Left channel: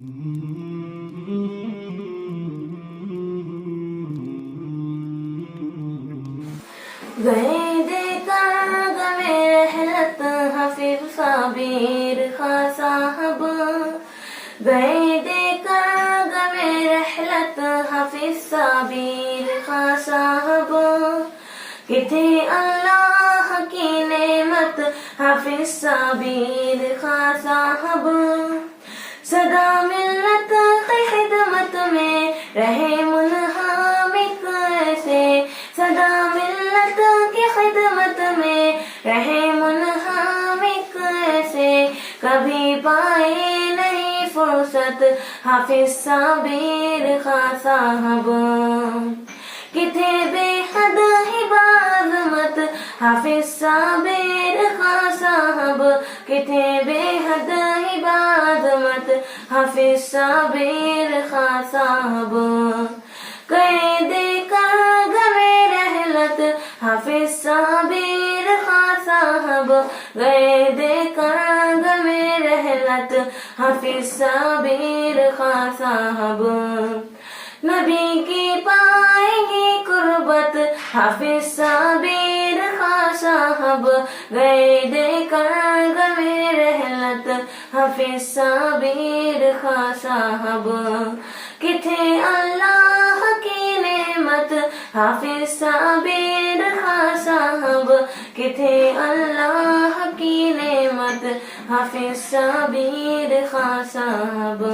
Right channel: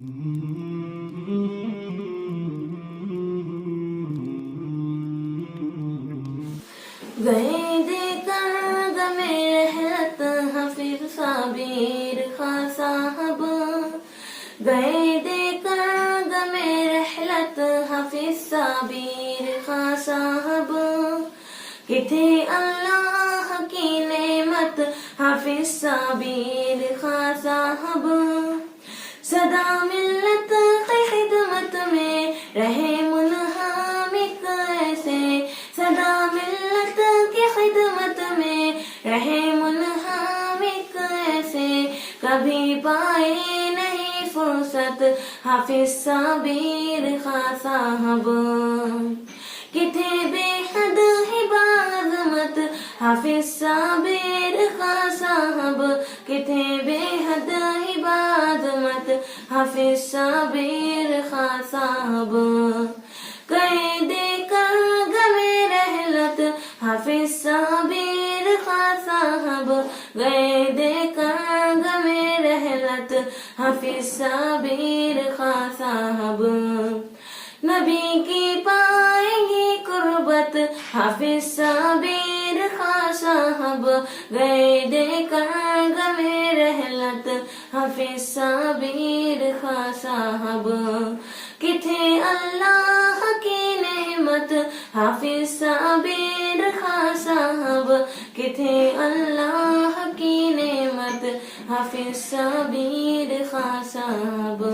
گئے دیکھا غم رحلت حفیظ صابر خاں صاحب، گئے دیکھا غم رحلت حفیظ صابر خاں صاحب، کہ تھے اللہ کی نعمت حفیظ صابر خاں صاحب، سدا ملت کی خدمت میں رہے منہمک ایسے، سدا ملت کی خدمت میں رہے منہمک ایسے، کبھی پائے نہیں فرصت حفیظ صابر خاں صاحب، کہ تھے بے حد ہی بعظمت حفیظ صابر خاں صاحب، کہ تھے بے حد ہی بعظمت حفیظ صابر خاں صاحب، قید کر غم رحلت حفیظ صابر خاں صاحب، قید کر غم رحلت حفیظ صابر خاں صاحب، نبی کی پائیں گی قربت حفیظ صابر خاں صاحب، قید کر غم رحلت حفیظ صابر خاں صاحب، کہ تھے اللہ کی نعمت حفیظ صابر خاں صاحب، کہ تھے اللہ کی نعمت حفیظ صابر خاں صاحب۔